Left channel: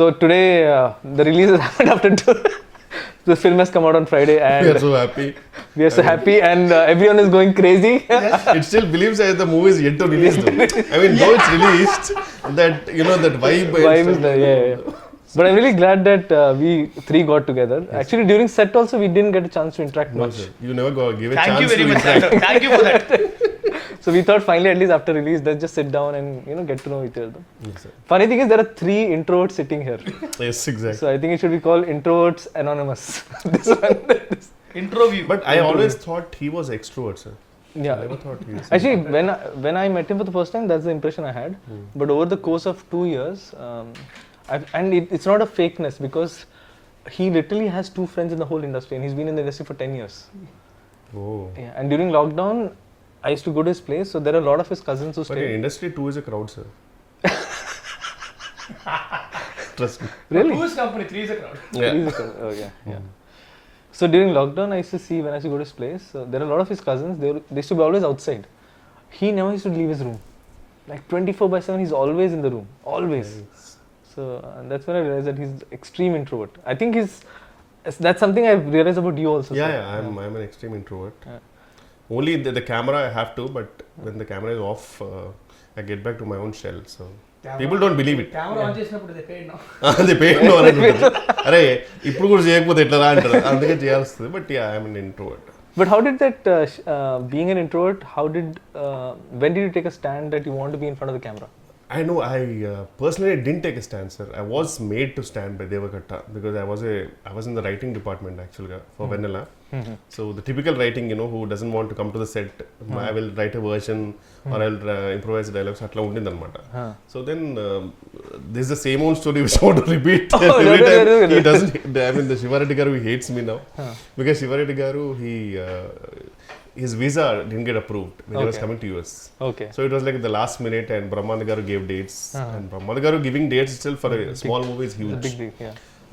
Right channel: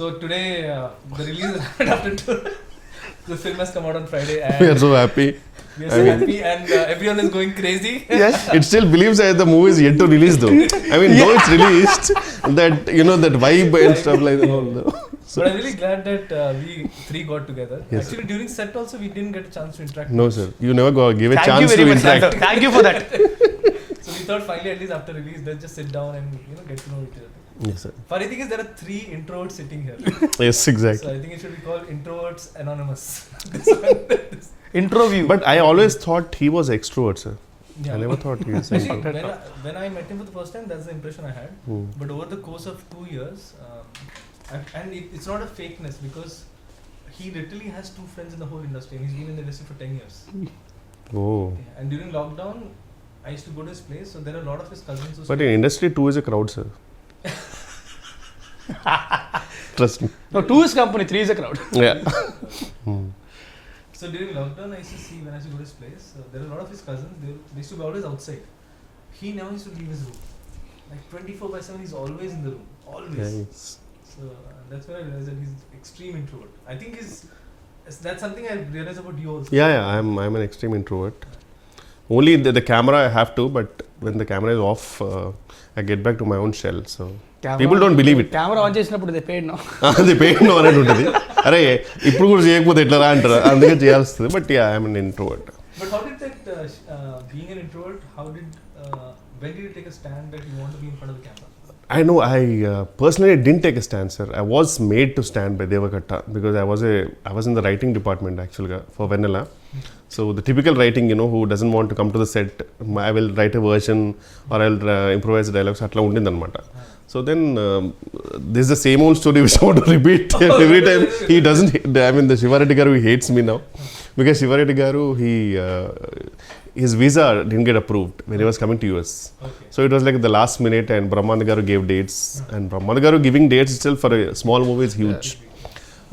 So today, the release has happened after 2. The film has come out on Friday, and We are so happy. we are so happy, and everyone is going crazy. It still believes that the movie is yet to release though. I mean, though it's released, that that vibe and stuff like that. But I'm really glad that we 3 got together. Yes. Actually, during set also, we didn't get a chance to interact. No, much. sir. You never give a chance to interact. Thank you for that. So we thought finally, at least after release, let's just sit down and get to know each other. Yes, sir. Funny thing is, there are 3 introverts sitting here. Yes, exactly. So I think it should be called Introverts Anonymous. This one. Intro view. But I always thought he was extrovert, sir. Yeah. I never thought he was. Actually, when I met him for the first time, that's the impression I had. But over the course of 2 years, it's not a fakeness, because he literally has 2 friends in the whole industry, and he's been in the industry for 10 years. Oh. Yeah, and during lockdown, I used to go to his place, so there are a lot of his cousins who But stay. in industry, 2 is a crowd, sir. Trust me. No, 2 is company, 3 is a crowd. Yeah. Yeah. So during lockdown, I used to see when I used to go to his place, there are a lot of his cousins, they used to be always outside. He never used to leave his room. Like 24/7, he's always in the room. Always. Nice. So that's when I realized that he's extreme introvert. I think that's something I've realized about you also. Yeah. I'm an extreme introvert. Yeah. Only the camera I have to, but when the camera is off, I get back to my own shell. So people don't believe it. Camera on చేసినప్పుడు they paid now. They paid no అని ఉంటుంది. అరే ఇప్పుడు కూడా చేయకపోతే ఎట్లా రా అంటారు. అందుకే చేయాల్సింది. But yeah, I'm an introvert. But how did that, being an introvert, when did you take a stand that you want to be in front of the camera? I know. I personally didn't take a stand, sir. I was made to stand by Devakatta because I was in the writing department actually for Vennela. So the typical writing, who doesn't want to come to the set, I will write a version or I'll improvise the dialogues. Atla undindi anamata. So then this is the same old story which I want to repeat every time. He doesn't. I mean, the Shivareddy garu, he hates me now because Shivareddy garu, his visa didn't get approved when he was coming to US. Okay. So it was like the last minute, and Brahmanda garu gave dates, and Brahmanda garu giving dates itself for a small movie is huge.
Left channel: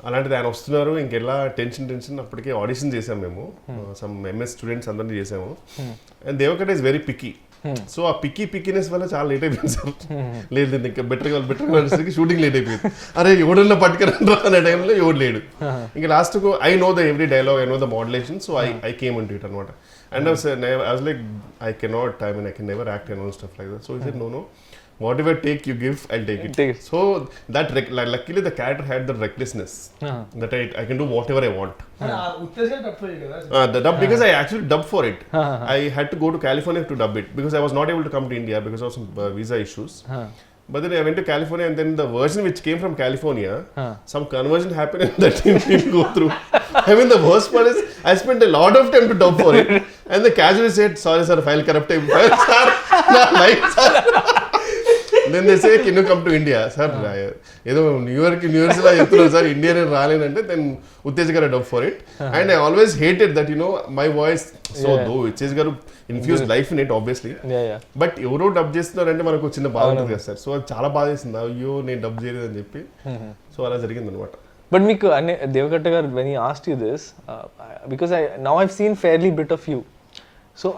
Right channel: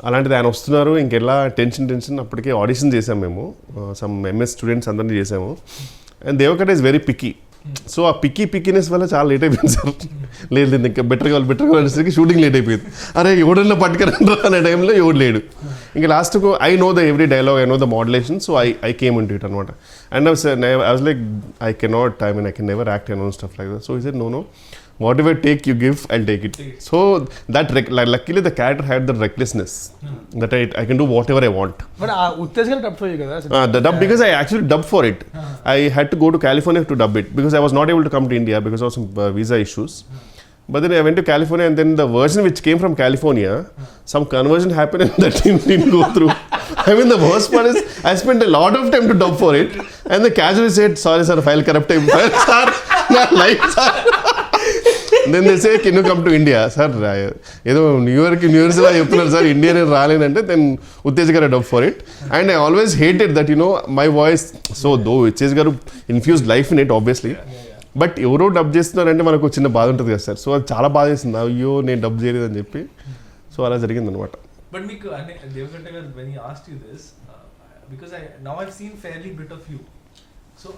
అలాంటిది ఆయన వస్తున్నారు, ఇంకెలా tension అప్పటికే audition చేసాము మేము, some MS students అందరినీ చేసాము. And Devakatta is very picky. So ఆ పిక్కీనెస్ వల్ల చాలా లేట్ అయిపోయింది సార్. లేదు ఇంకా బెటర్ కావాలి అనేసరికి షూటింగ్ లేట్ అయిపోయింది. అరే ఎవడన్నా పట్టుకురండ్రా అనే టైంలో ఎవడు లేడు. ఇంకా లాస్ట్కు I know the every dialogue, I know the modulation, so I came in to it అనమాట. And I was like I cannot, I mean I can never act and stuff like that. So he said no whatever take you give, I'll take it. So that luckily the character had the recklessness that I can do whatever I want. But uttesga dub for you kada. The dub, because I actually dubbed for it. I had to go to California to dub it because I was not able to come to India because of some visa issues. But then I went to California, and then the version which came from California, some conversion happened and that didn't go through. I mean, the worst part is I spent a lot of time to dub for it, and the casually said, sorry sir, file corrupted. Sir, my life, sir. Then they say, can you come to India? Sir, ఏదో new years లా చెప్తున్నారు sir, India నేను రాలేనంటే then Uttej garu dub for it. And I always hated that my voice. So though Uttej garu infuse life in it obviously, but ఎవరో dub చేస్తున్నారంటే మనకు చిన్న బాధ ఉంటుంది కదా సార్. సో అది చాలా బాధ వేసింది, అయ్యో నేను డబ్ చేయలేదని చెప్పి. సో అలా జరిగింది అనమాట. బట్ మీకు దేవకట్ట గారు, when he asked you this, because now I've seen fairly bit of you, so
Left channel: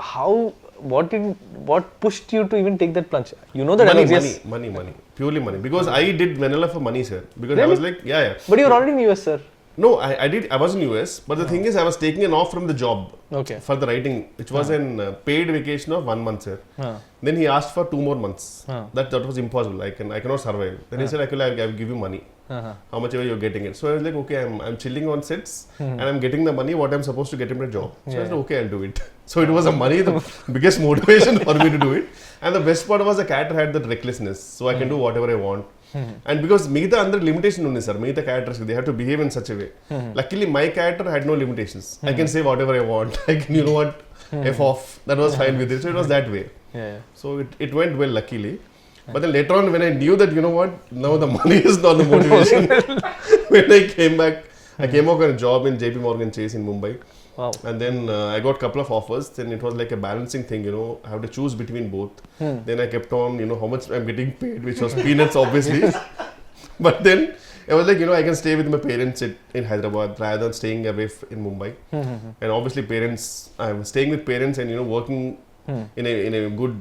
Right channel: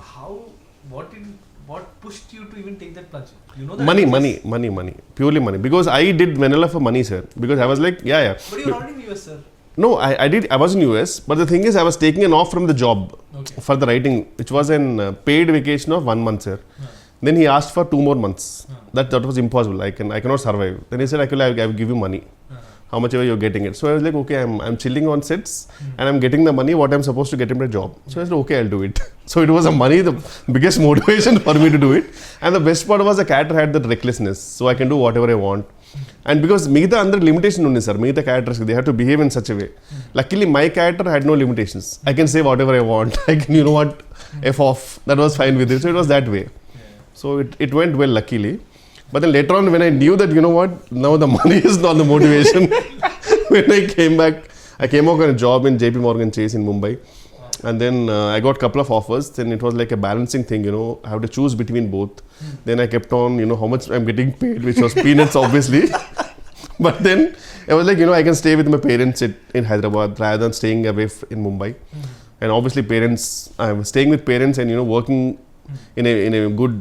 what pushed you to even take that plunge? You know that money, purely money, because I did Vennela for money, sir, because really? I was like, yeah. But you were already in US, sir. No, I was in US, but the thing is I was taking an off from the job for the writing, which was a paid vacation of 1 month, sir. Then he asked for 2 more months. That was impossible. I cannot survive. Then he said, I will give you money. How much ever you're getting it. So I was like, okay, I'm chilling on sets and I'm getting the money what I'm supposed to get in my job. So I said, okay, I'll do it. So it was the biggest motivation for me to do it. And the best part was the character had that recklessness. So I can do whatever I want. And because మిగతా అందరి limitation ఉంది sir, మిగతా characters they have to behave in such a way. Luckily my character had no limitations. I can say whatever I want. I can F off. That was fine with it. So it was that way. So it went well, luckily. But then later on, when I knew that, now the money is not the motivation. When I came back, I came out on a job in JP Morgan Chase in Mumbai. Wow. And then I got a couple of offers. Then it was like a balancing thing, I have to choose between both. Then I kept on, how much I'm getting paid, which was peanuts, obviously. But then I was like, I can stay with my parents in Hyderabad rather than staying away in Mumbai. And obviously I was staying with parents and, working in a good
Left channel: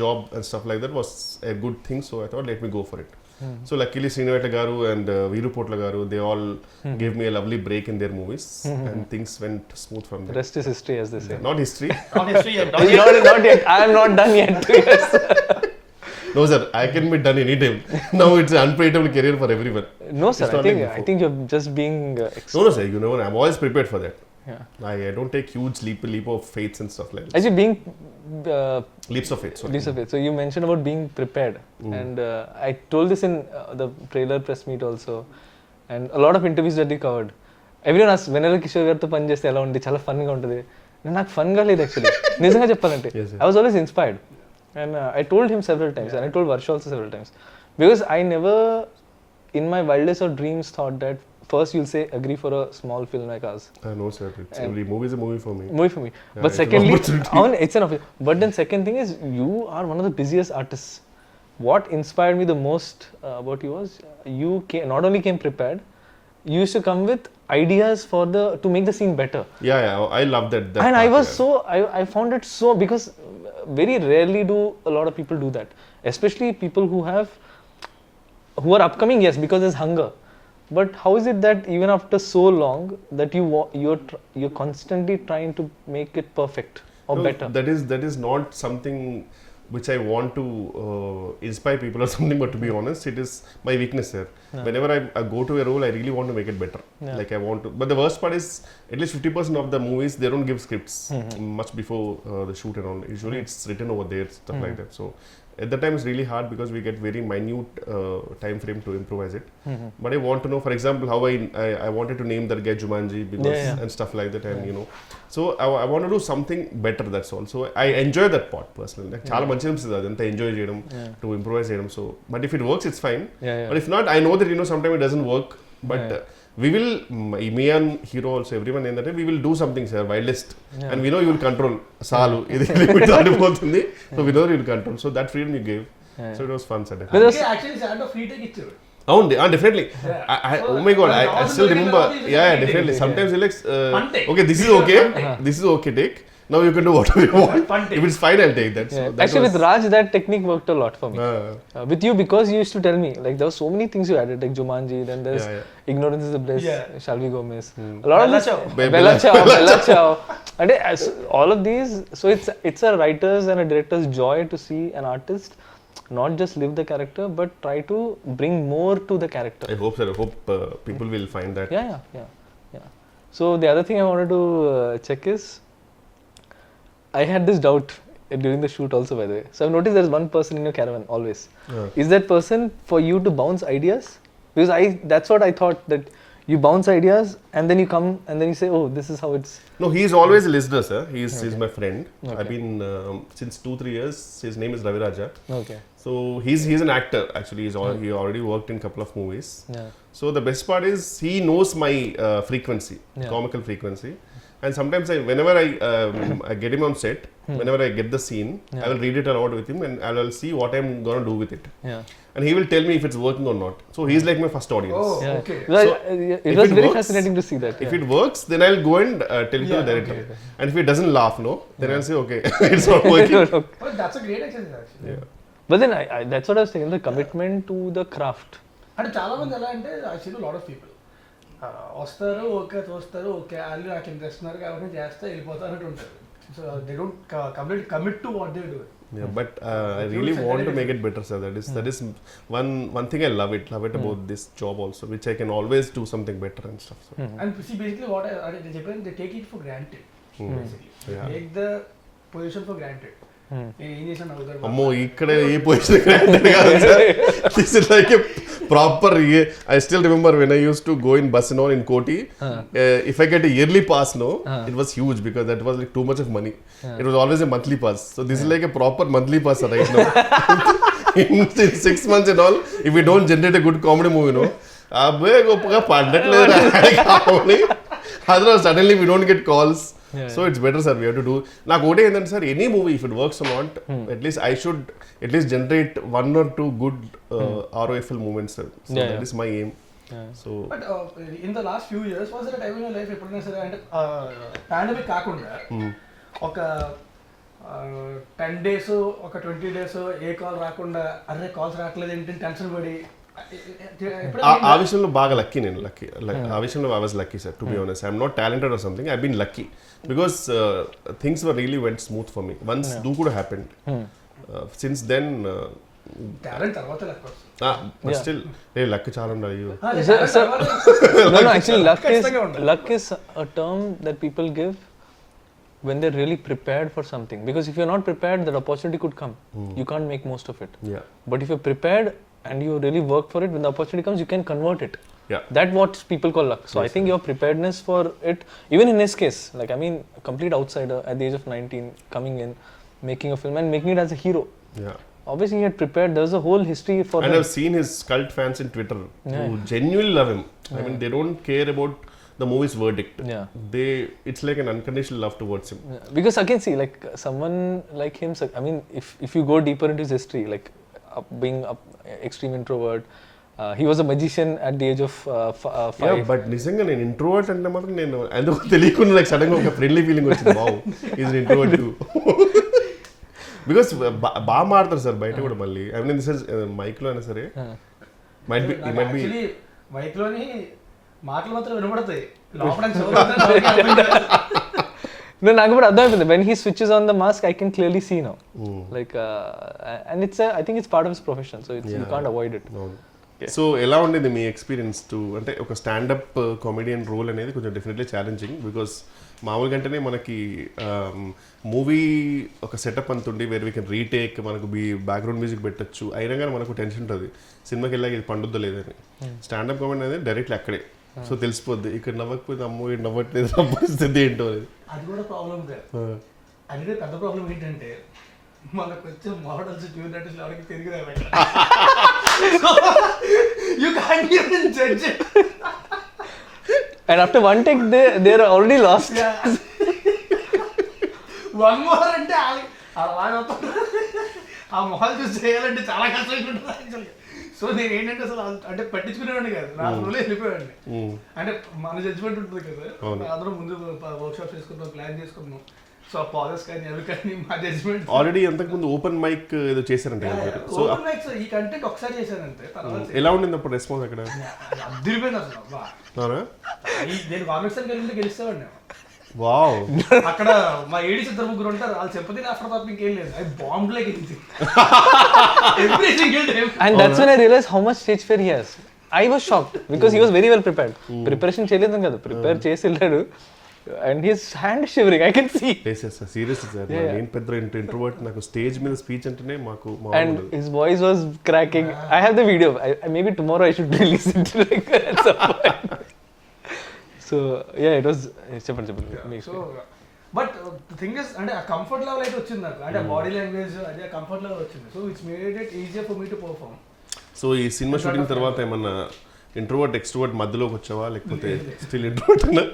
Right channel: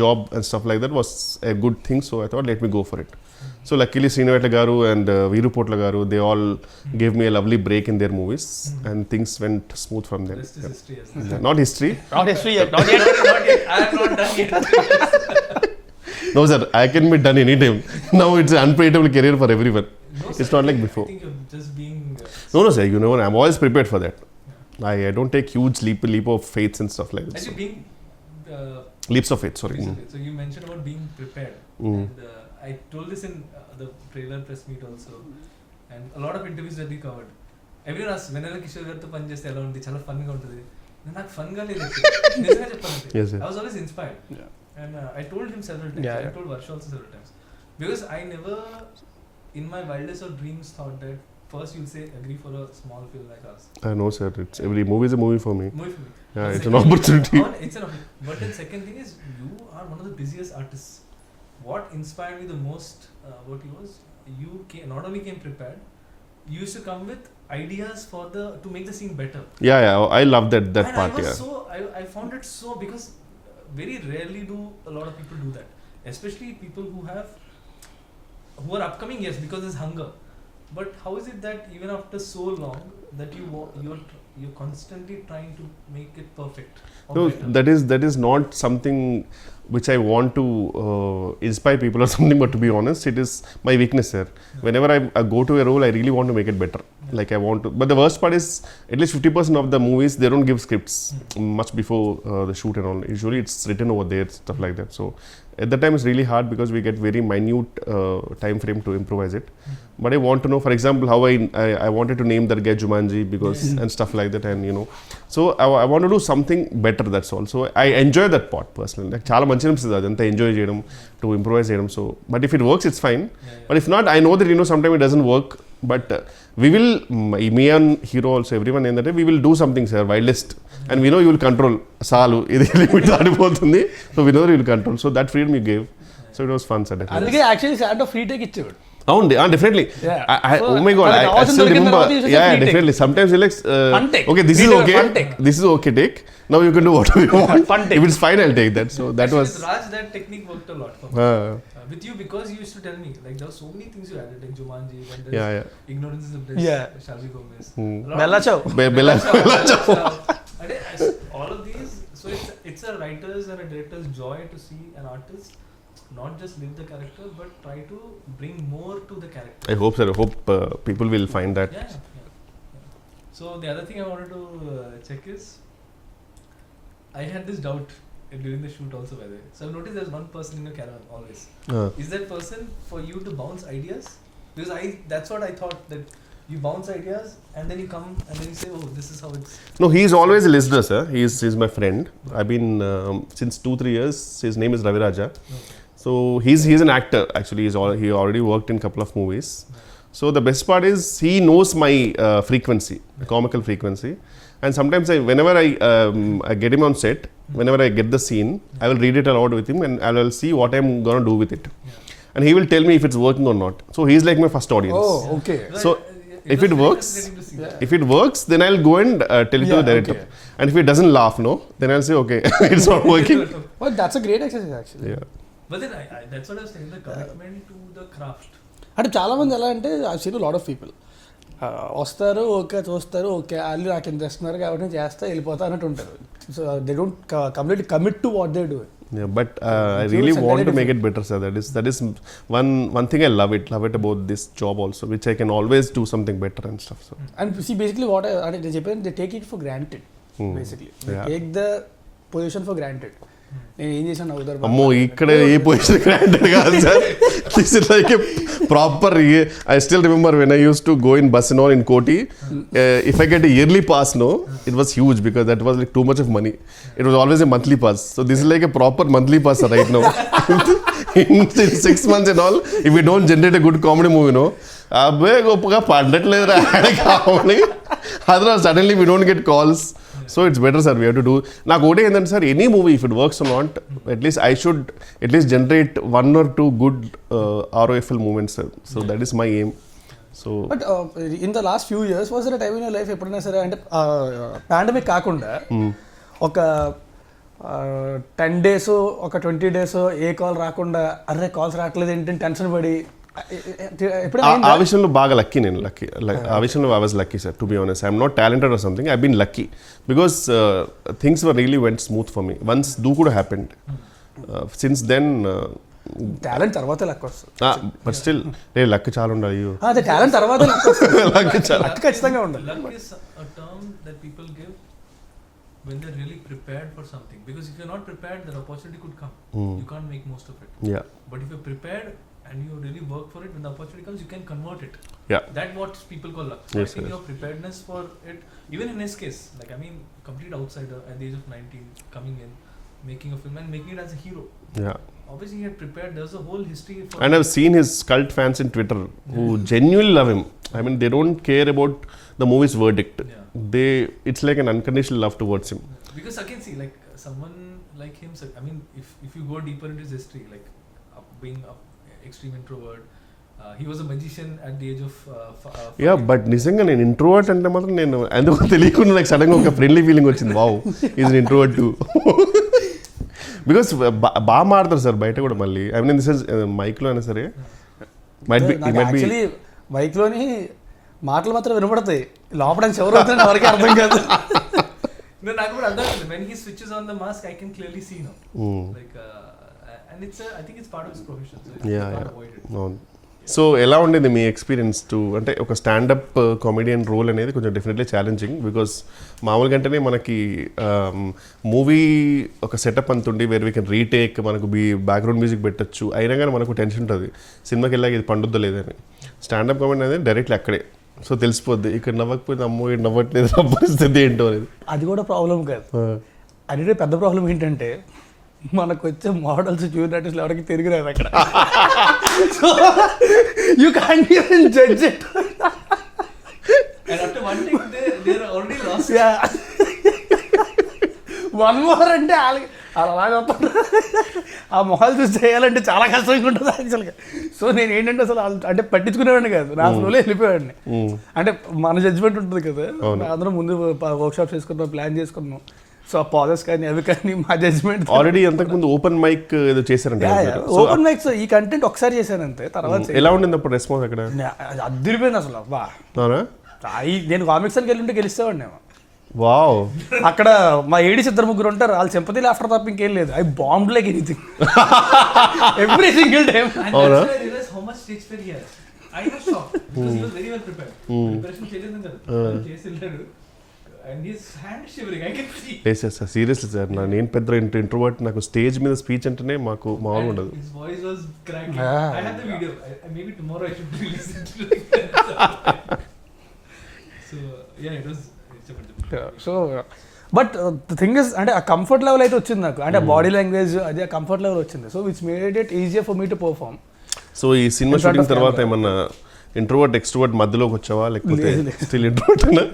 job and stuff like that was a good thing. So I thought, let me go for it. So luckily Sriniveta garu and Veeru Potla garu, they all gave me a lovely break in their movies, and things went smooth from there. Rest is history, as they say. Not history. Not history yet. Not yet. I am not done yet. No sir, I can be done anytime. Now it's an unpredictable career for everyone. No, sir. It's not like before. I think you're just being. No sir, you know, I'm always prepared for that. Yeah. I don't take huge leap of faith and stuff like that. Actually, being. Leaps of faith, sorry. Leaps of faith. So you mentioned about being prepared, and I told this in the trailer press meet also, and a lot of interviews that we covered. Everyone asked, Vennela Kishore గారితో పని చేస్తే ఎలా ఉంది, చాలా ఫన్గా ఉంటుంది. నాకు ఫన్గా లేదు actually, నిజంగా చెప్పాలంటే. I was always inspired, and I told him several times, and I told Varsha also several times, because I never in my wildest of dreams thought that first you'll say agree for a small film like us. I know sir, it's every movie is a movie for me. But it's secondly, an opportunity. It's an opportunity. But then second thing is, you are one of the busiest artists. What inspired me the most about you was, you not only came prepared, you used to come with ideas for to make the scene better. Yeah, I love that and part. I was I found it so, because very rarely do a lot of people do that, especially people who are upcoming, yes, because there's hunger. But how is it that even after so long that you're constantly trying to make it perfect or better? That is not something which I want to inspire people or something, but to be honest, it is my weakness here. Whenever I go to a role, I really want to make it better. Like I want to, but the worst part is, at least 50% of the movies, they don't give scripts much before the shoot and all. Usually it's written over there, stuff like that. So at that time it's really hard, because we get very minute time frame to improvise it. But I want to know, for example, how I wanted to name that guy Jumanji, because and stuff like that, and you know, so I want to do something better, that's all. So I enjoy that part personally. Like chaala manchi anisthadi adantha enjoy cheyadam, to improvise cheyadam. So but if it works, it's fine. But if not, I know that, you know, sometimes it doesn't work, but we will, me and hero also, everyone in that, we will do something, sir, wildest, and we know you will control salu idi limit దాటిపోతుంది, so we know that you will control. So that freedom you gave, so it was fun, sir. అందుకే actually sir free take ఇచ్చాడు. Definitely. Oh my god, I still remember. Yeah, definitely. Sometimes you like, okay, this is okay. This is okay, take. Now you can do whatever you want. If it's fine, I'll take that. So that actually, was. with Raj, that technique worked a lot for me. With you, because you used to tell me, like, there were so many things you added, like Jumanji, then there's Ignorance is the Bliss, Shall We Go Miss. A lot Bella of Ciao. Bella Ciao. And all of these, so it's a writer's and a director's joy to see an artist not just live the character, but try to bring more to the character. I hope, sir. I hope people will find that. Yeah. So the other thing I wanted to check is, I had this doubt during the shoot also, by the way. So I've noticed there's one person in your caravan always. Is that person for you to bounce ideas? Because that's what I thought, that you bounce ideas and then you come and then you say, oh, this is how it's. No, he's always a listener, sir. He's my friend. I've been since 2-3 years. His name is Ravi Raja. Okay. So he's an actor actually. He already worked in a couple of movies. So the best part is, he knows my frequency, comical frequency. And sometimes whenever I get him on set, whenever I get the scene, I will read it aloud with him, and I will see what I'm gonna do with it. And he will tell me if it's working or not. So he's like my first audience. Oh, okay. So if it works, fascinating to see that. If it works, then I'll go and tell it to the director. Okay. And if he doesn't laugh, no, then I'll say, okay, it's not working. Well, that's a great exercise actually. Yeah. But then that's what I was saying, the commitment to the craft. అంటే చాలా మంది ఎలా అంటే, I seen lot of people వస్తారు, okay చూస్తారు, okay వాళ్ళు నాకు ఇంత ఇస్తున్నారు కాబట్టి నేను చేస్తా వెళ్ళిపోతా అన్నట్టు ఉంటారు. So they don't completely commit to what they do. Yeah, but I really want to make it better, sir. That is one thing I love it about this job also, which I can always do something better and stuff. So. And see, basically what అంటే they చెప్పాను, they take it for granted. Basically, they take the position for granted. నేను ఏం చేశాను అవుతారు. అమ్మో, ఇక్కడ ఏ position granted కాదు sir. This is like a proper. I still remember when I used to go in bus and all in Koti. If I get a yearly pass, no, it was huge, because that was like too much of money. It was always a monthly pass. So this is like a proper monthly pass right now. In 6 months and all, if we don't generate a good comedy movie, no, అబ్బే గొప్పగా పడట్లేదు కావాలి. Otherwise suddenly we don't get calls. So it's better, sir. We have to do. Now, go and then, sir, any movie, if it works or not, at least I should at least generate 1 or 2 good ROFL moments, sir. So that is my aim. So. But in the last few years, was there a time in your life ఎప్పుడైనా సరే అంటే pandemic కాకుండా ఒక 10 days ఒక 20 days ఏ call రాకుండా, అరే calls రావట్లేదు ఏంటంటే టెన్షన్ పడి ఆ విషయంలో బాగా లక్కీ నేను ఆ విషయంలో I was lucky sir to be honest I'm not talented or something I been lucky because things were really went smooth for me once Dookudu happened since then talent తర్వాత లక్ వస్తుంది but still luck చాలా ఉండాలి talent తర్వాత luck is a term that people give when they're really prepared for something, because if you're not prepared, that opportunity could come. You can't make most of it. Yeah. But if you're prepared and you really work for it, when the opportunity comes, you can convert it. Yeah. That's what people call luck. So Yes, I think your preparedness for it, even in his case, like I mean, complete outsider at the age of 19, coming in, making a film and making it as a hero. Yeah. Obviously he had prepared. There's a whole history for And I've seen his cult fans in Twitter who genuinely love him. I mean, they don't care about the movie's verdict. It's like an unconditional love towards him. Because again, see, like someone like him, I mean, if you go deeper into his history, like being an extreme introvert, he was a magician at the age of 5. Yeah, but నిజంగా నేను introvert అంటే మాత్రం నేను ఎందుకో తెలియకుండా నాకు సడన్గా ఒక ఫ్రెండ్లీ ఫీలింగ్ వచ్చింది. Wow, is an introvert two. Because బాగా మారుతారు సార్ బయట కూడా మళ్ళీ. ఐ మీన్ దిస్ ఇస్ మైక్లో అయినా సరే మైట్ బి మైక్లోని మాటలు మాత్రం వినపడతాయి, లోపల No, నాకు కూడా అర్థం అవుతుంది. When he switches on the mask, I can clearly see now. Like, and I think it's part of his profession, so you can't avoid it. So ఎలా ఉండేది మీ ఎక్స్పీరియన్స్ టు అంటే ఒక స్టాండప్ కామెడియన్ రోల్ అనేది కొంచెం definitely challenging. Because మామూలుగా అంటేనే మనకి movie ఒక సెటప్ అంతుండి వేర్ వీ కెన్ రీటేక్, మనకు బ్యాక్గ్రౌండ్ మ్యూజిక్ పెట్టచ్చు, అయినా కానీ మనకు టెన్షన్ ఉంటుంది సినిమాకి వెళ్ళాక ఇది పండుద్దా లేదని. స్టాండప్ కామెడీ అనేది డైరెక్ట్లీ అక్కడే, సో తెలిసిపోద్ది ఇక్కడ నవ్వకపోతే అమ్మో ఇక్కడ నవ్వట్లేదు పరిస్థితి ఏంటో అనేది. అది కూడా ప్రాబ్లం కాదు. అది పెద్ద ప్రాబ్లం ఏంటంటే మనకు వచ్చే మోడల్స్ జూనియర్ ఆర్టిస్టులు ఎవరికి తిరిగి రాదు అక్కడ. You can't even judge it. And after one take they are already lost. One more అంటే అలాగే ఆ మొహాలు చూసి చేయాలంటే చాలా కష్టంగా ఉంటుంది యాక్చువల్గా. సో నేను ఏంటంటే అసలు అంటే పట్టించుకునేవాడిని కాదు, నా ఫ్లోలో వెళ్ళిపోయాడిని. అంటే మన జడ్జ్మెంట్ ఉంటుంది కదా, అందరం ముందు వర్క్షాప్ చేసుకున్నాం, ప్లాన్ చేసుకున్నాం. సో పాజెస్ కానీ అవి కానీ మా జడ్జ్మెంట్. ఆల్రెడీ అంతకుముందు ఓపెన్ మైక్ ఏదో చేశారంటే ఓపెన్ మైక్స్ ఈ కంటెంట్ ఒకసారి చేశానంతే. తర్వాత ఎలా ఉండింది అప్పుడు రెస్పాన్స్ అక్కడ? అదిరిపోయింది అసలు. అబ్బా, నేను కామిక్స్ అని వెళ్ళింటే గెలుస్తామండి. వావ్, అక్కడ మా ఏడీస్ 2-3 ఉంటారు, వాళ్ళు సింపతి లాఫ్టర్ తప్ప ఇంకేం లేదు. అవి bomb like anything every single time. And that's when I realized how much stage fear he has. I was shocked because he was very well prepared. Preparation చేయలేదు కదా, ప్రిపేర్ చేసి వెళ్ళాడు. And his hand shivering, I can see. Yes, yes, seriously sir, నేను పెద్ద introvert, నాకు stage మీద speech అంటేనే మాకు మామూలు ఉండదు. His voice was cracking. I have the video. Maybe tomorrow I should release it like at some point. So yeah, it was చెప్పండి. So but the thing is అంటే ఆ కంఫర్ట్ లెవెల్ అయితే వచ్చింది నాకు, అంటే బాడీ లాంగ్వేజ్ అది ఆ comfort level వచ్చింది. So which made it easier for me to perform. So ఈ సినిమా షూటింగ్ తర్వాత ఏమన్నా ఇంట్రోవర్ట్ ఎక్స్ట్రోవర్ట్ మధ్యలోకి వచ్చావా, లేకపోతే స్టిల్ ఇంట్రోవర్ట్ అయినా?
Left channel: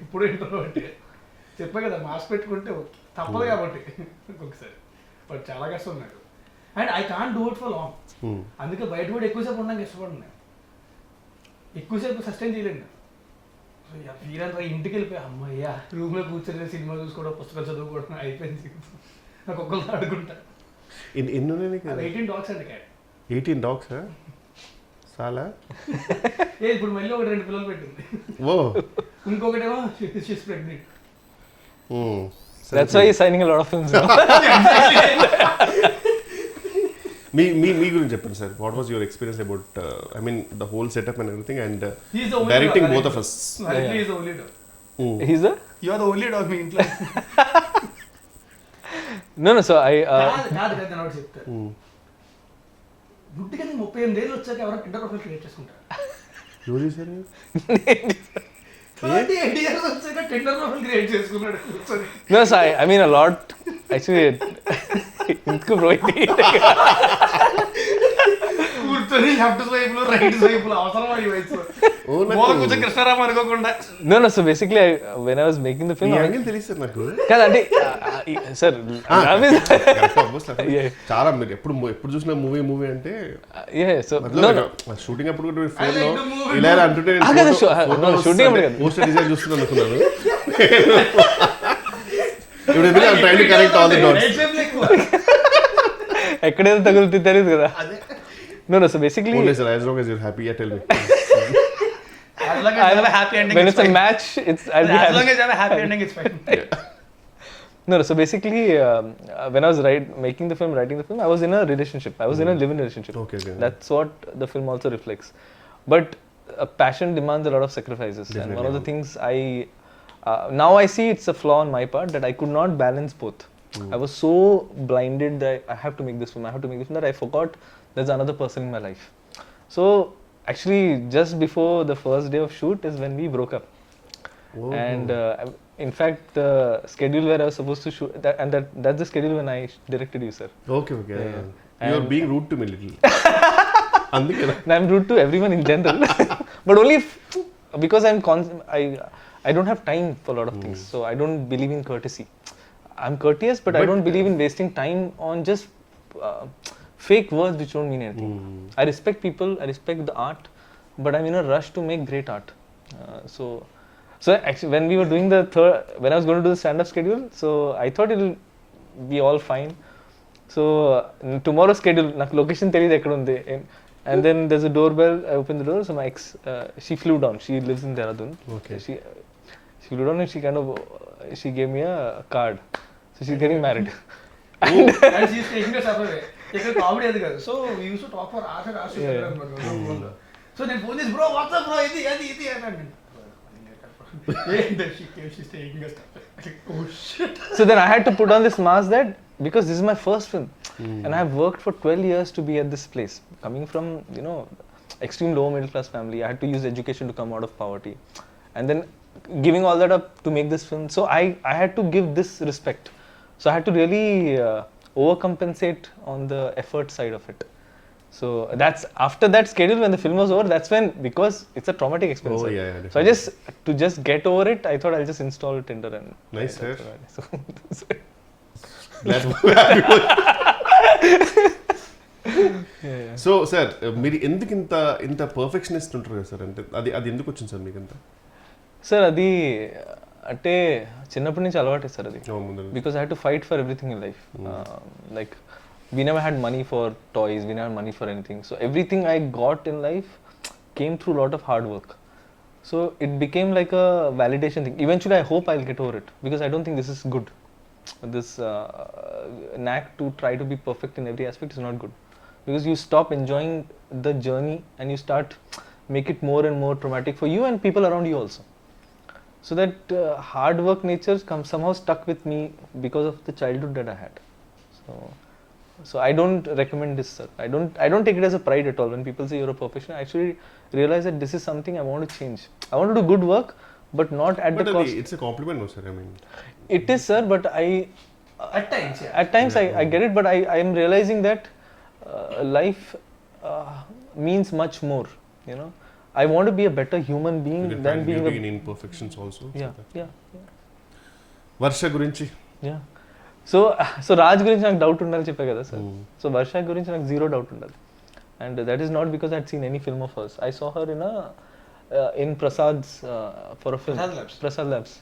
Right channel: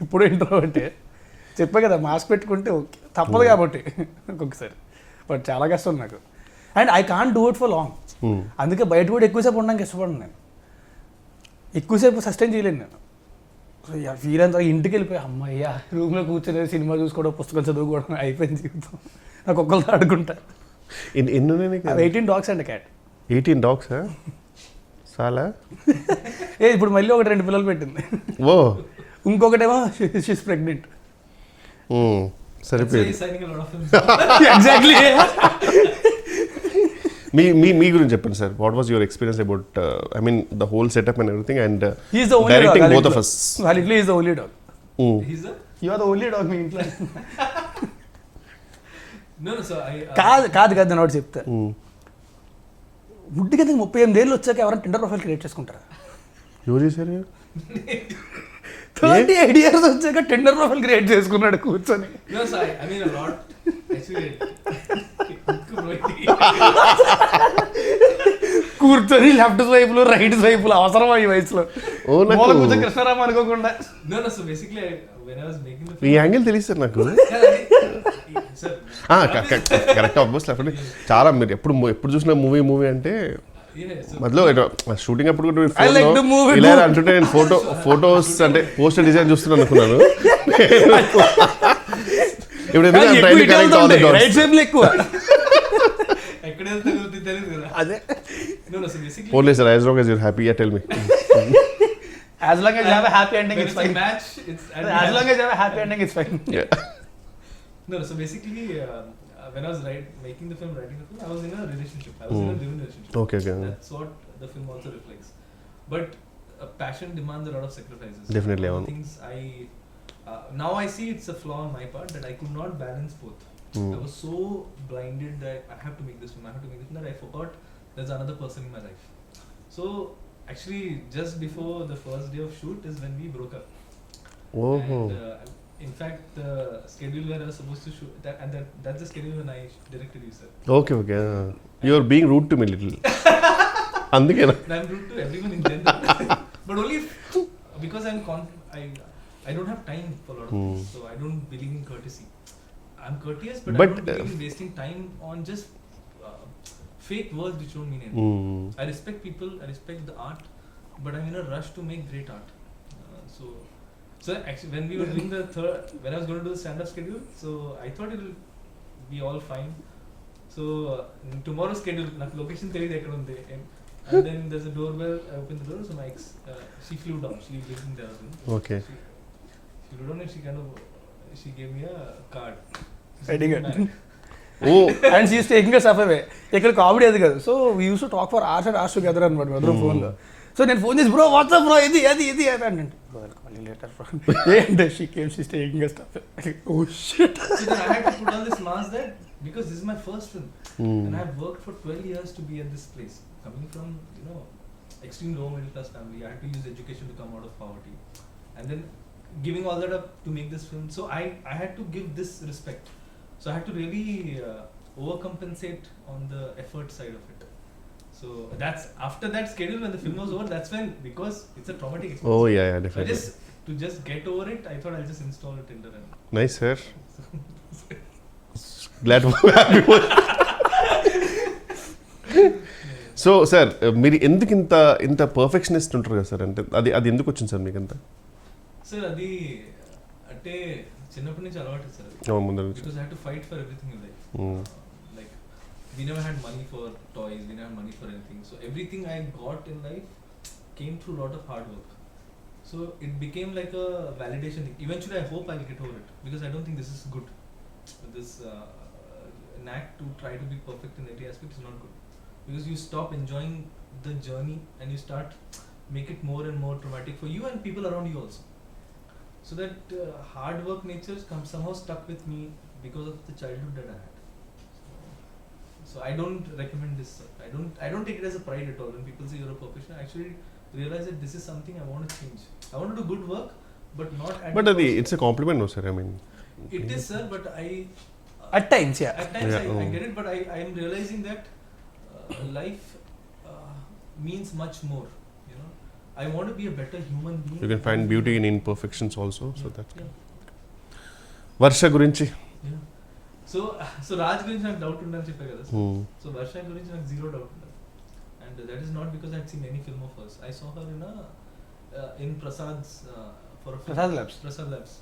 ఇప్పుడు ఇంట్రోవర్టే, చెప్పా కదా మాస్క్ పెట్టుకుంటే ఓకే తప్పదు కాబట్టి ఒక్కొక్కసారి, బట్ చాలా కష్టం నాకు. And I can't do it for long. అందుకే బయట కూడా ఎక్కువసేపు ఉండడానికి ఇష్టపడను నేను, ఎక్కువసేపు సస్టైన్ చేయలేను నేను. సో వీరంతా ఇంటికి వెళ్ళిపోయి అమ్మయ్య రూమ్లో కూర్చొని సినిమా చూసుకోవడం, పుస్తకాలు చదువుకోవడం అయిపోయింది జీవితం. నాకు ఒక్కరితో ఆడుకుంటా. 18 dogs అండ్ క్యాట్. 18 dogs చాలా ఇప్పుడు మళ్ళీ 2 పిల్లలు పెట్టింది. ఓ, ఇంకొకటేమో she's pregnant. That's why he's signing a lot of films. Exactly. మీ గురించి చెప్పండి సార్. What was your experience about I mean the whole setup and everything and directing both of us? Validly is the only dog. He's the? You are the only dog మీ ఇంట్లో. No, so I కాదు నేను ఒకటి చెప్తా. ముట్టిగా 38 ఏళ్ళు వచ్చాక ఎవరైనా Tinder profile create చేసుకుంటారా? ఎవరు చేశారు? 38 years వచ్చాక టిండర్ ప్రొఫైల్ క్రియేట్ చేసుకున్నాడు కూర్చొని. No, so I mean a lot actually. కూర్చొని లెఫ్ట్ స్వైపులు రైట్ స్వైపులు అవసరమా ఈ వయసులో? కృష్ణరామ అనుకోకుండా. No, so basically when I was making the film, ఈ యాంగిల్ తెలుసు సార్ నాకు. కాదండి సార్, కరెక్ట్ ఆబ్వియస్. చాలా మీరు ఎప్పుడు చూసిన మూవీ అంటే మధ్యలో షూటింగ్ అప్పుడు కూడా ఫోన్ లో ఇలా అంటుంటే నేను ఫోటోస్ అంటే పోస్టర్ డిజైన్ చూస్తున్నాను అనుకున్నాను. ఇప్పుడు ఎందుకు I'm trying to connect all the dots. ఎక్కడైనా తగులుతుంది తెలియదు కదా. అదే No, so basically, Only sir, as long as you're happy, yeah, tell me. As long as you have a happy ending, when it's it's a fine. match, I'll be As happy. long as you have a happy ending, it's fine. No, so basically, when I was writing the film, I was in a relationship. I was in a live-in relationship. Okay. That's what the film also reflects. But passion demands a lot of sacrifices. Definitely, And one of the things now I see it's a flaw on my part that I could not balance both. I was so blinded that I have to make this film, that I forgot there's another person in my life. So actually, just before the first day of shoot is when we broke up. Oh. And in fact, the schedule where I was supposed to shoot, that's the schedule when I directed you, sir. Okay. You are being rude to me little. Andukena. And I'm rude to everyone in general, but only because I don't have time for a lot of things, so I don't believe in courtesy. I'm courteous, but I don't believe in wasting time on just fake words which don't mean anything. I respect people, I respect the art, but I'm in a rush to make great art. So actually, when we were doing when I was going to do the stand-up schedule, so I thought it'll be all fine. So tomorrow's schedule, నాకు location తెలియదు ఎక్కడ ఉంది. And then there's a doorbell. I opened the door. So my ex, she flew down. She lives in Dehradun. Okay. She flew down and she gave me a card. So she's getting married. And she's taking us up away. ఇక్కడ comedy అది కాదు. So we use to talk for hours and hours together అనమాట ఫోన్లో. So నేను phone చేసి bro WhatsApp bro ఇది అని నేను she's taking us up. Oh shit. So then I had to put on this mask that because this is my first film and I have worked for 12 years to be at this place. Coming from, extreme low middle class family, I had to use education to come out of poverty. And then giving all that up to make this film. So I had to give this respect. So I had to really overcompensate on the effort side of it. So that's after that schedule when the film was over, that's when, because it's a traumatic experience. Oh yeah, definitely. So to just get over it, I thought I'll just install Tinder and Nice, sir. so Glad to be happy. So sir మీరు ఎందుకు ఇంత perfectionist ఉంటారు కదా sir, అంటే అది ఎందుకు వచ్చింది sir మీకు అంతా? సార్ అది అంటే చిన్నప్పటి నుంచి అలవాటు సార్ అది. Because I had to fight for everything in life. Like we never had money for toys, we never had money for anything, so everything I got in life came through a lot of hard work. So it became like a validation thing. Eventually I hope I'll get over it, because I don't think this is good. This knack to try to be perfect in every aspect is not good, because you stop enjoying the journey and you start make it more and more traumatic for you and people around you also. So that hard work nature somehow stuck with me because of the childhood that I had. So I don't recommend this, sir. I don't take it as a pride at all when people say you're a perfectionist. I actually realize that this is something I want to change. I want to do good work, but not at the cost. It's a compliment, no sir, I mean. It is, sir, but at times I get it, but I am realizing that life means much more, I want to be a better human being. You can find beauty in imperfections also. Yeah. Varsha gurinchi. Yeah. So Raj గురించి నాకు doubt ఉండాలి చెప్పా కదా sir. So Varsha గురించి నాకు zero doubt ఉండదు. And that is not because I had seen any film of hers. I saw her in Prasad's for a film. Prasad Labs.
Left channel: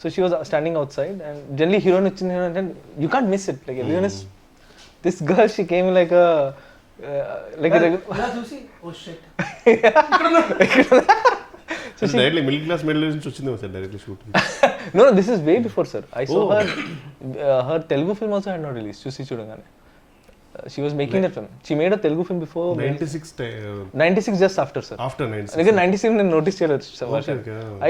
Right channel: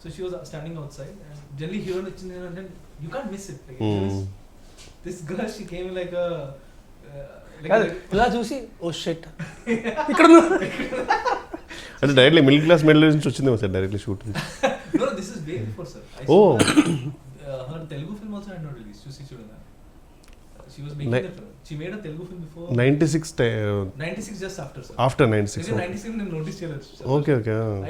So she was standing outside and generally heroine వచ్చింది and you can't miss it. Like everyone is, this girl, she came like a ఇలా చూసి oh shit అంటే directly middle class medal నుంచి వచ్చిందేమో sir directly shoot? No, this is way before, sir. I saw her Telugu film also had not released. Chusi Chudangane. She was making that film. She made a Telugu film before 96 just after, sir. After 96. Again 96 I noticed her, sir. Okay.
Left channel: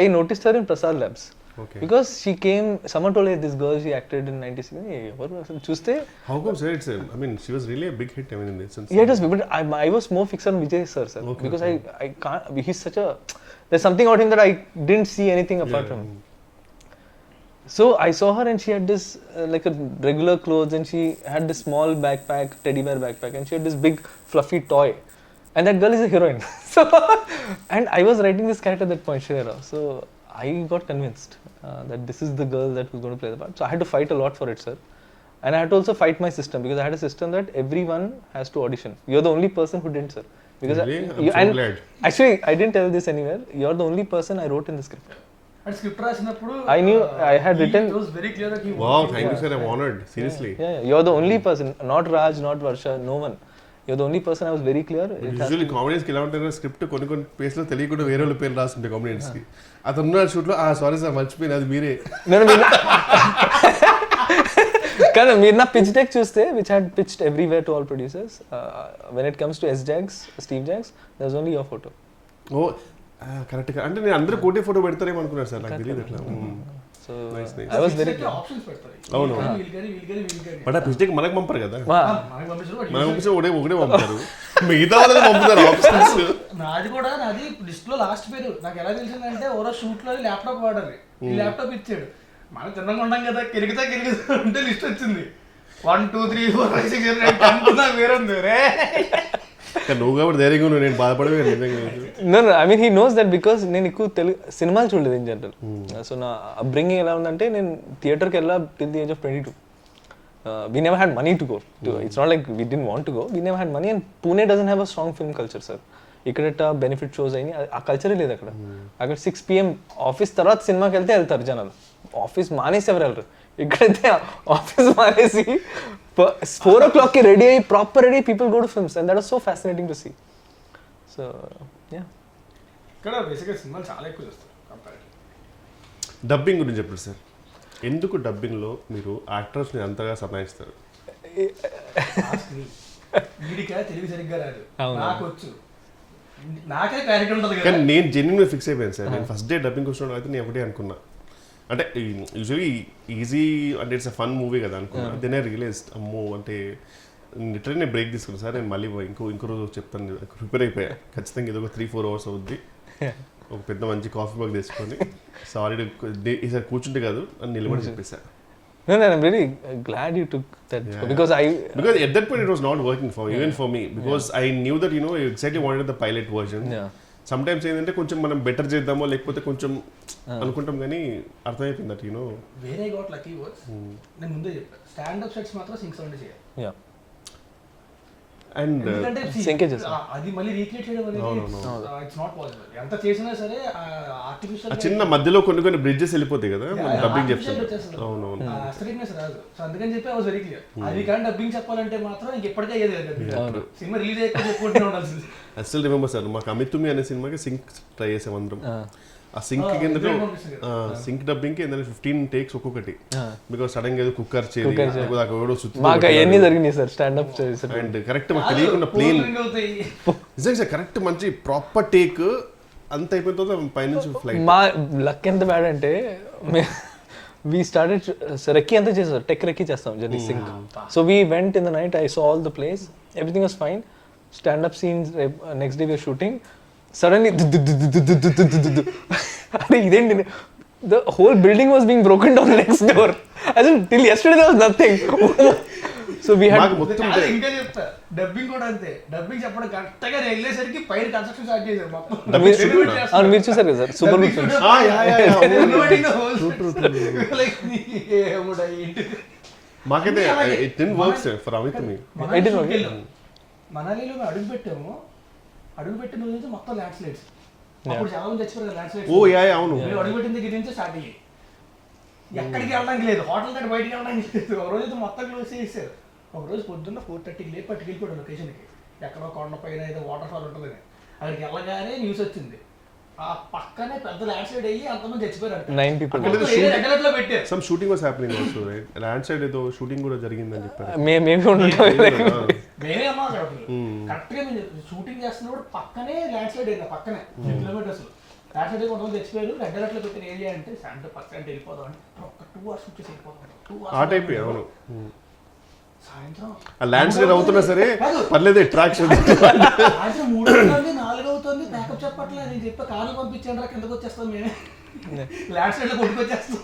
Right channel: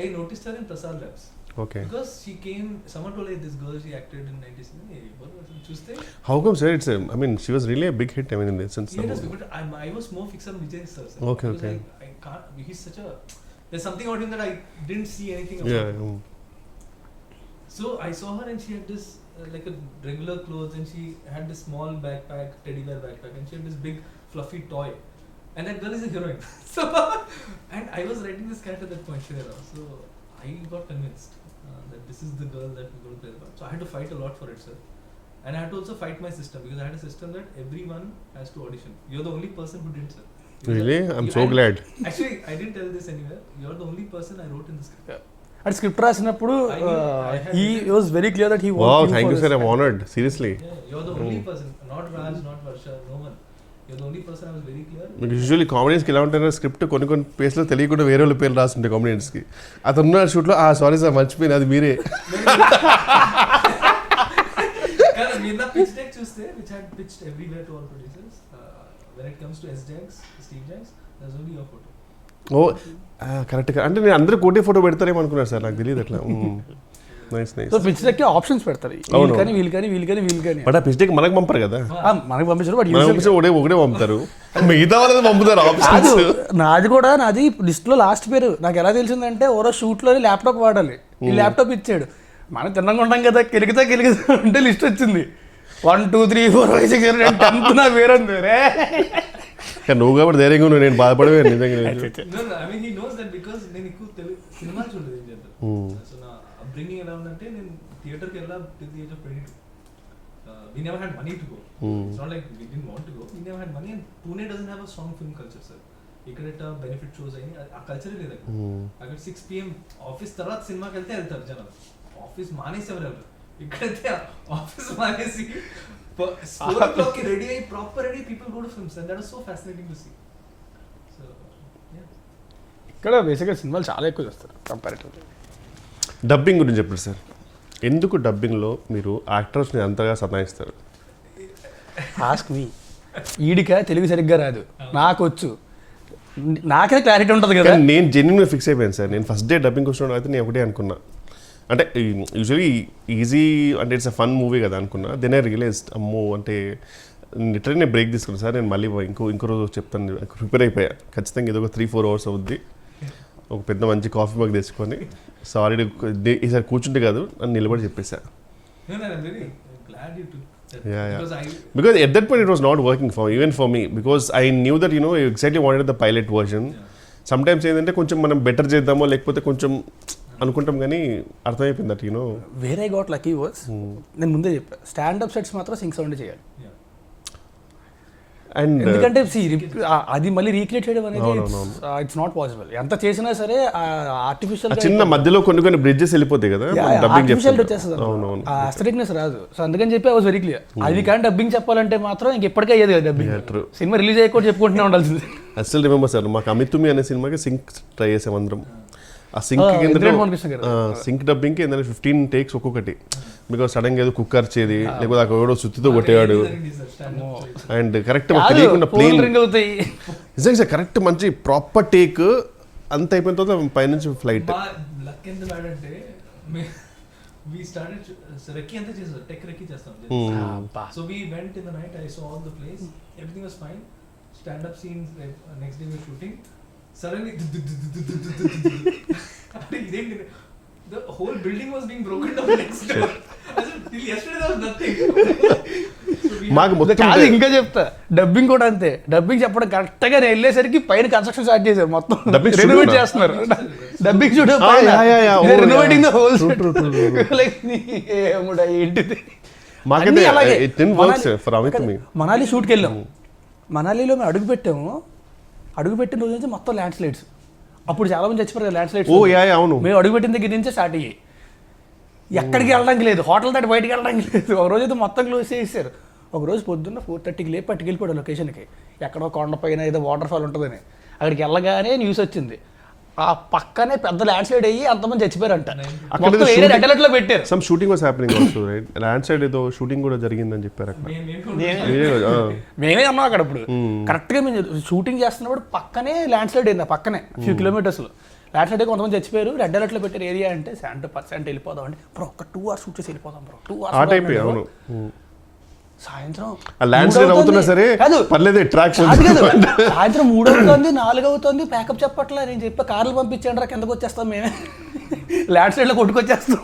I noticed her in Prasad Labs. Okay. Because she came, someone told her this girl, she acted in 96. Hey, what was it? Chuste? How come, sir? I mean, she was really a big hit. I mean, in the sense. Yeah, it was, but I was more fixed on Vijay, sir. Okay. Because I can't. He's such a. There's something about him that I didn't see anything apart from him. So I saw her and she had this like a regular clothes and she had this small backpack, teddy bear backpack, and she had this big fluffy toy. And that girl is a heroine. So, and I was writing this character at that point, Shreya. So I got convinced that this is the girl that was going to play the part. So I had to fight a lot for it, sir. And I had to also fight my system, because I had a system that everyone has to audition. You're the only person who didn't, sir. Because really? I'm so glad. Actually, I didn't tell this anywhere. You're the only person I wrote in the script. And script రాసినప్పుడు I knew I had written. It was very clear that he Wow, thank you, sir. I'm honored. Seriously. Yeah, you're the only person. Not Raj, not Varsha, no one. you're the only person I was very clear. Usually కామెడియన్స్కి ఎలా ఉంటారు, script కొన్ని ప్లేస్లో తెలియకుండా వేరే వాళ్ళ పేర్లు రాస్తుంటాయి కామెడియన్స్కి. అతను ఉన్న షూట్లో సారీ సార్ మర్చిపోయింది అది మీరే. కానీ మీరు నా పిచ్ డెక్ చూస్తే which had pitched everywhere to all producers, when it comes to Steve Jobs there's only your photo. ఓ కరెక్ట్గా, అంటే నేను అందరూ కోటే ఫోటో పెడతారేమో అనుకున్నాను సార్, నాకు తెలియదు అట్లా. Nice nice. ఆప్షన్స్ పెడతారు, బట్ ఆ పిచ్డెక్ మనకు పంపరు కదా, మనకి పంపించారు, మనకు పంపించిన ఒకటే పంపుతారు, మిగతా వాళ్ళని పంపుతారు ఆప్షన్స్. నాది లిస్ట్ లో లాస్ట్ పేరు నాకు ఎలా తెలిసిందంటే ఓరో షూట్ లో ల్యాప్టాప్ వాడాలి, ఈ ల్యాప్టాప్ ఇచ్చాడు, మనం తిన్నగా ఉంటాం కదా, కెలిగితే అంటే లిస్ట్ వచ్చింది 1 2 3 4 5 6 7 8 అనుకున్నా వేరంది. నువ్వు కాబట్టి ధైర్యంగా నువ్వు, నేను బాధపడవే నిజంగా. I mean he knows that because నేను ఎక్కువ తెలుగు సినిమాలు చూడలేదు ఇన్ జనరల్. సో నా అప్బ్రింగింగ్ ఎలా ఉందంటే, నేను థియేటర్కి వెళ్ళా till the age of 22. We never had money to go. It's not like we didn't want to go. We never had money, and Pune doesn't have a strong film culture, sir. ఇక్కడ benefit shows అయినాయి, ఆ కల్చరే లేదు అక్కడ. అక్కడ 6 PM office తర్వాత సినిమాకి వెళ్తారు జనాలు, ఆఫీస్ మానేసి ఎవరు వెళ్ళరు. ఇక్కడైతే ఆఫీస్ మానేసి 4 o'clock రెడీ అయ్యి proper ready people go to films, and that was so fascinating to see. So yeah, ఇక్కడ బేసిక్గా సినిమాలు చాలా ఎక్కువ చేస్తారు కంపారిటివ్లీ. డబ్బింగ్ గురించి చెప్పండి సార్, ఎందుకు డబ్బింగ్లో మీరు యాక్టర్స్ని అంతగా సతాయిస్తారు? Ask me. వీడిక తెలుగు సరిగ్గా రాదు, నాకు వచ్చు, నాకే క్లారిటీ ఉంటుంది కదా. నేను జెన్యున్గా ఫిక్స్ అయిపోయాను సార్, నేను ఫస్ట్ డే డబ్బింగ్ వచ్చిన అయితే నేను ఒకటే అనుకున్నా, అంటే యూజువలీ ఈజీ అంటే ఇట్స్ అ ఫన్ మూవీ కదా అనుకున్నా. దెన్ ఐ రియలైజ్డ్ అమ్మో, అంటే లిటరల్లీ నేను బ్రేక్ తీసుకున్నాను సార్, నేను మళ్ళీ ఇంకో రోజు చెప్తాను, ప్రిపేర్ అయిపోయా ఖచ్చితంగా, ఇది ఒక 3-4 hours అవుద్ది, ఒక పెద్ద మంచి కాఫీ మగ్ తీసుకొని సారీ ఈసారి కూర్చుంటే కాదు అని నిలబడి చెప్పేసా. I'm very glad you took that, because at that point it was not working for me because I knew that I exactly wanted the pilot version. Sometimes ఏంటంటే కొంచెం మనం బెటర్ చేద్దామో లేకపోతే కొంచెం అనుకుంటాం, కానీ అర్థమైపోయింది దట్ వేరే గాట్ లక్కీ వాస్. నేను ముందే చెప్పాను, స్టాండప్ సెట్స్ మాత్రం సింక్ సౌండ్ చేయాలి. అండ్ ఎందుకంటే అది మళ్ళీ రీక్రియేట్ చేయడం అనేది ఇట్స్ నాట్ పాసిబుల్. ఎంత చేసినా సరే ఆర్టిఫిషియల్ చిన్న మధ్యలో కొన్ని బ్రిడ్జెస్ వెళ్ళిపోతాయి కదా, డబ్బింగ్ చెప్తారు, అస్థెటిక్నెస్ రాదు. సో అందుకని చెప్పి ఐ వాస్ వెరీ క్లియర్, అది కానీ డబ్బింగ్ చెప్పాలంటే మాత్రం ఇంక ఎప్పటికే అయ్యేది కదా డబ్బింగ్. సినిమా రిలీజ్ అయ్యకుండా చెప్పుకుంటూనే ఉండాల్సింది. ఐ స్టిల్ రిమెంబర్ సార్, మాకు అమితుమి అనే సినిమాకి సింక్ ట్రై చేసాం అందరం. ఆ సింక్ కింద సింక్ డబ్బింగ్ కి 15 takes ఒక్కొక్కటి, బికాస్ సడన్ గా ఏదో కుక్కర్ చేది లేకపోతే అక్కడ ఎవడో సుత్తుతో కొట్టేవాడు, అండ్ కరెక్ట్ మాకు తెలియకుండా ప్లేన్ నిజంగా కరెక్ట్ మంచి ప్రాపర్ టేక్ అంత అయిపోయిన తర్వాత పైనుంచి ఫ్లైట్. మా లక్ ఎంత బ్యాడ్ అంటే we started రెక్కి అంతా చేసాం, టెక్ రెక్కి చేస్తాం journey. So we went in the night, I saw all the place, everything was fine, stand up scenes, next day we were shooting, suddenly ఇదేంటి, the whole building was being broken down next door. As in till yesterday there was nothing. So we had ఇంకా చెప్తా, dubbing కూడా అంతే. Dubbing చెప్పడం correct గా వెళ్ళేసరికి పైన construction start చేశారు మొత్తం. మనాలి షూట్కి వెళ్ళాం, మనాలిలో మేము అడుగుపెట్టిన రోజు నుంచి మొత్తం ల్యాండ్ స్లైడ్స్. అప్పుడు చాలా మంది చచ్చిపోయారు ల్యాండ్ స్లైడ్స్. మేము అడుగుపెట్టిన దగ్గర నుంచే స్టార్ట్ అయ్యాయి, ఎక్కడికి వెళ్ళడానికి లేదు, హోటల్ దాటి బయటికి వెళ్ళడానికి లేదు. ఒక రోజు అయితే మొత్తం క్లోజ్ చేసేసారు. ఒక రోజు పొద్దున్న 4:30కి లేపి పట్టుకెళ్ళిపోయాడు లొకేషన్కి, ఎక్కడో కొండ పైన ఏదో వాటర్ ఫాల్ ఉంటుందని. అక్కడికి వెళ్ళగానే న్యూస్ వచ్చింది, ఆ పక్కనే పెద్ద ల్యాండ్ స్లైడ్ అయ్యి అంతమంది చచ్చిపోయారంట. పెట్టారు. Some shooting was happening also, right? Land slide ఏదో షూటింగ్ కూడా జరిగిందని చెప్పారు. మేమే అన్నాం అక్కడ. అప్పుడు కరెక్ట్ గా మేము షూటింగ్ చేస్తున్నప్పుడు పక్కనే ల్యాండ్ స్లైడ్ అయింది, పక్కనే ఫ్యూ కిలోమీటర్స్ ల్యాండ్ స్లైడ్. కొంతమంది చచ్చిపోయారు. రెడ్ అలర్ట్ లో పెట్టారు ఏరియా అంటే 70% వెళ్ళిపోదాం అంటే, ఒక 2 hours షూట్ చేసి వెళ్ళిపోదాం, 2 hours ఆ టైప్. అవును, సాయంత్రం ల్యాండ్ స్లైడ్ అవుతున్నా సరే పర్లేదు, అట్రాక్షన్. సాయంత్రం 3 అవుతుంది, 4 అవుతుంది, ప్యాకప్ చెప్పట్లే. నేను చెప్పా కార్లు పంపించండి రా, కిందకు వచ్చేస్తాం మేమే, ల్యాండ్ స్లైడ్ లో కొట్టుకొచ్చేస్తాం.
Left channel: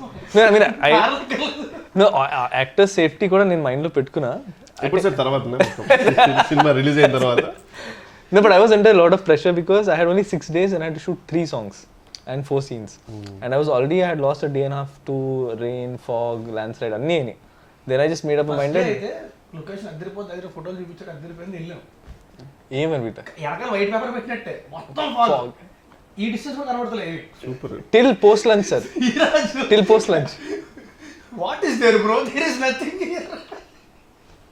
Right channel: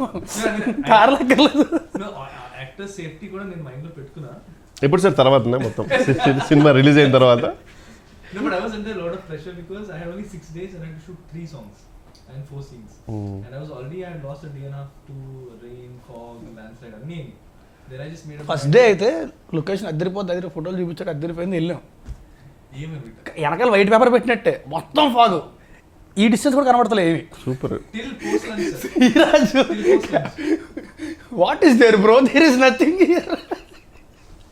యాక్టర్ సేఫ్టీ కూడా నేను మైండ్ లో పెట్టుకున్నా. ఎప్పుడు సార్ తర్వాత మొత్తం సినిమా రిలీజ్ అయిన తర్వాత? No, but I was under a lot of pressure because I had only 6 days and I had to shoot 3 songs and 4 scenes. And I had lost a day and a half to rain, fog, landslide, anni. Then I just made up my mind. అయితే location అద్దరిపోద్ది, దగ్గర ఫోటోలు చూపించాక అద్దరిపోయింది, వెళ్ళాం. ఏమని వెనకాల white paper పెట్టినట్టే మొత్తం fog, ఈ distance కూడా కనబడతలేదు ఏమి. Super. Till post lunch, sir. Till post lunch. What is there, bro? There is nothing here.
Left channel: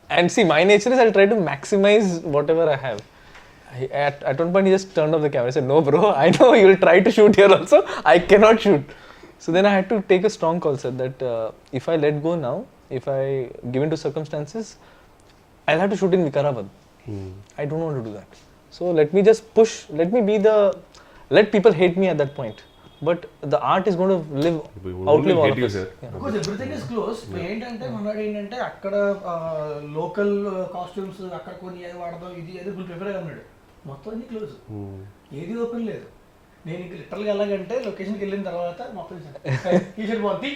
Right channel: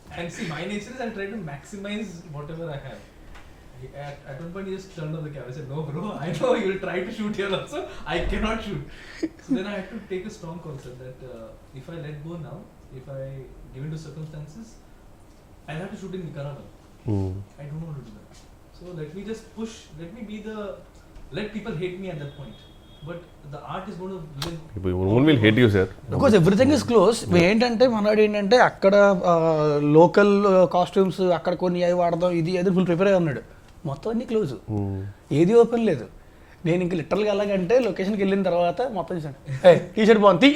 And see, my nature is I'll try to maximize whatever I have. At one point, he just turned off the camera. I said, "No, bro. I know you'll try to shoot here also. I cannot shoot." So then I had to take a strong call, sir. That if I let go now, if I give in to circumstances, I'll have to shoot in Vikarabad. I don't want to do that. So let me just push. Let people hate me at that point. But the art is going to live. People will hate you, sir. Because everything is close. ఏంటంటే మనవాడు ఏంటంటే అక్కడ local costumes అక్కడ కొన్ని అవి వాడదాం ఇది అది ఫుల్ ప్రిపేర్ అయి ఉన్నాడు. మొత్తం అన్ని క్లోజ్, ఏది ఓపెన్ లేదు. నేను ఇంక లిటరల్గా వెళ్ళాలంటే లొకేషన్కి వెళ్ళిన తర్వాత మొత్తం టీషర్ట్ బాగుంది.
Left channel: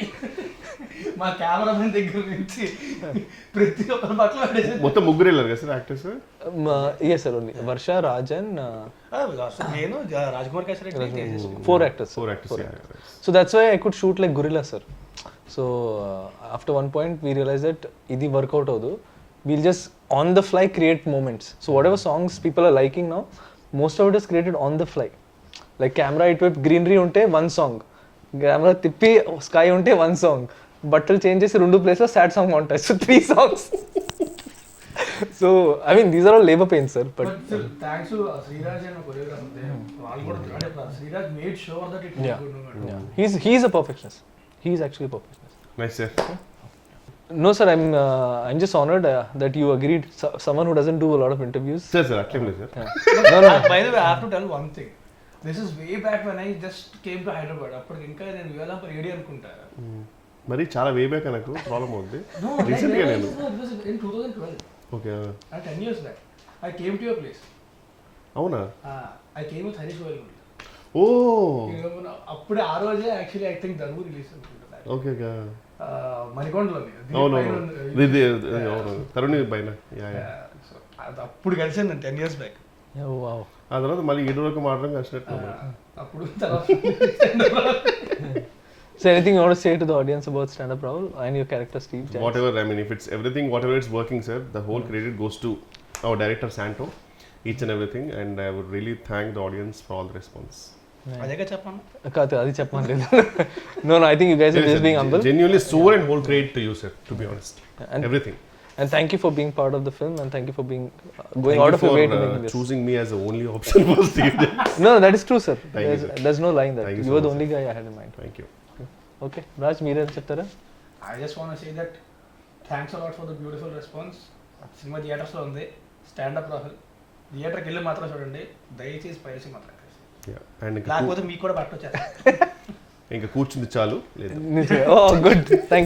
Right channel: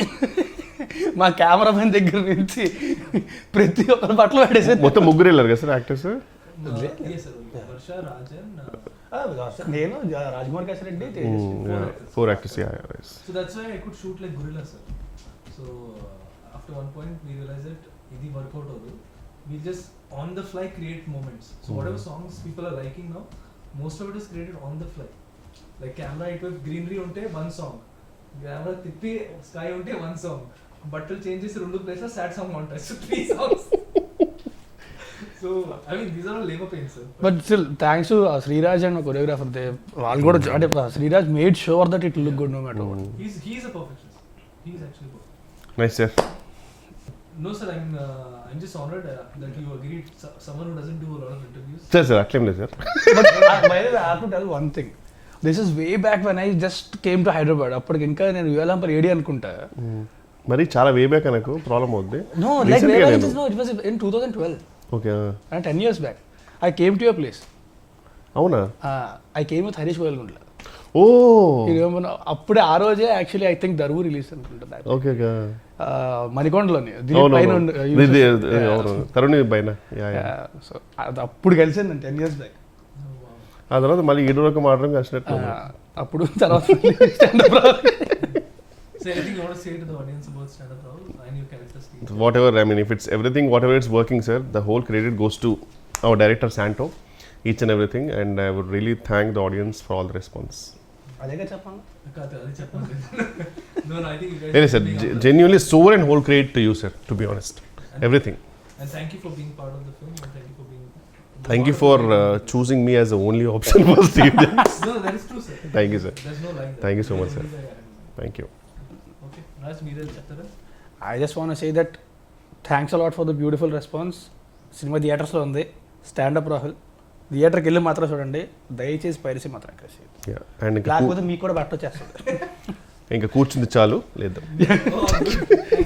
మా కెమెరామెన్ దగ్గర నుంచి ప్రతి ఒక్కరి బట్టలు పడేసి మొత్తం ముగ్గురు వెళ్ళారు కదా sir actors? Yes, sir, only Varsha, Raj and నేను Rajkumar Kesari, four actors, yeah, right. So that's why I could shoot like gorilla, sir. So after one point we realized that idi work out avadu, we'll just on the fly create moments. So whatever songs people are liking now, most of it is created on the fly. Like camera itwep greenery unte one song, camera tippi sky unte one song, బట్టలు change చేసి 2 place లో sad song ఉంటాయి. So 3 songs. So I mean these are all labor pains, sir. But still thanks to Sriraj and choreographer, వాళ్ళు కూడా అంటే Sriraj made sure that it look good no matter what. He's a perfectionist. He's actually a perfectionist. Nice, sir. No, sir, I'm just honored that you agreed. Someone who doesn't do a lot of interviews. Sir, అట్లేం లేదు sir. By the way, I have to tell one thing. This is way back when I just came to Hyderabad. అప్పటికి ఇంకా నేను యువలంపర్ AD అనుకుంటా. మరి చాలా way back నాకు problem అవుద్ది. No, like it was in 2012. Okay. And 10 years back I came to your place. అవునా? I came with Harish Boyalgundla. ఓ అప్పుడే ఆ రోజే actually I think Daruvu release అనుకుంటా. Okay okay. మణికొండలోని తరుణ్ పైన. సో అప్పుడు కలిసింది 10 years back. ఆ తర్వాత మళ్ళీ 7 వరకు మాట్లాడడం కలిసినట్టు. అప్పుడు తర్వాత So anything you want to say to the audience about stand-up, Rahul, and your character Steve? Whatever, I mean, if it's everything, whatever it's working, sir, the whole credit goes to our director Santo, each and everything, and I would really thank the audience for all the response. అదేగా చెప్పాను. అది చెప్పమని. No, I think you guys are just being humble. Genuinely soul and whole credit to you, sir, to be honest. And everything. And thank you for being part of the film, and thank you for being thank you for choosing me as the only option for Steve. No, that is true, sir. Thank you, sir. There's no lying there. Thank you so much. You are the only guy I had in mind. Thank you. Okay, Raj, మీరే చెప్తారా? I just want to say that thanks a lot for the beautiful response. Cinema థియేటర్స్లో ఉంది. Stand up Rahul థియేటర్కి వెళ్ళి మాత్రం చూడండి, దయచేసి piracy మాత్రం కలిసి. లేకపోతే మీకు కూడా బట్ట వచ్చేస్తారు. ఇంకా కూర్చుంది చాలు లేదు. Oh, good. Thank you.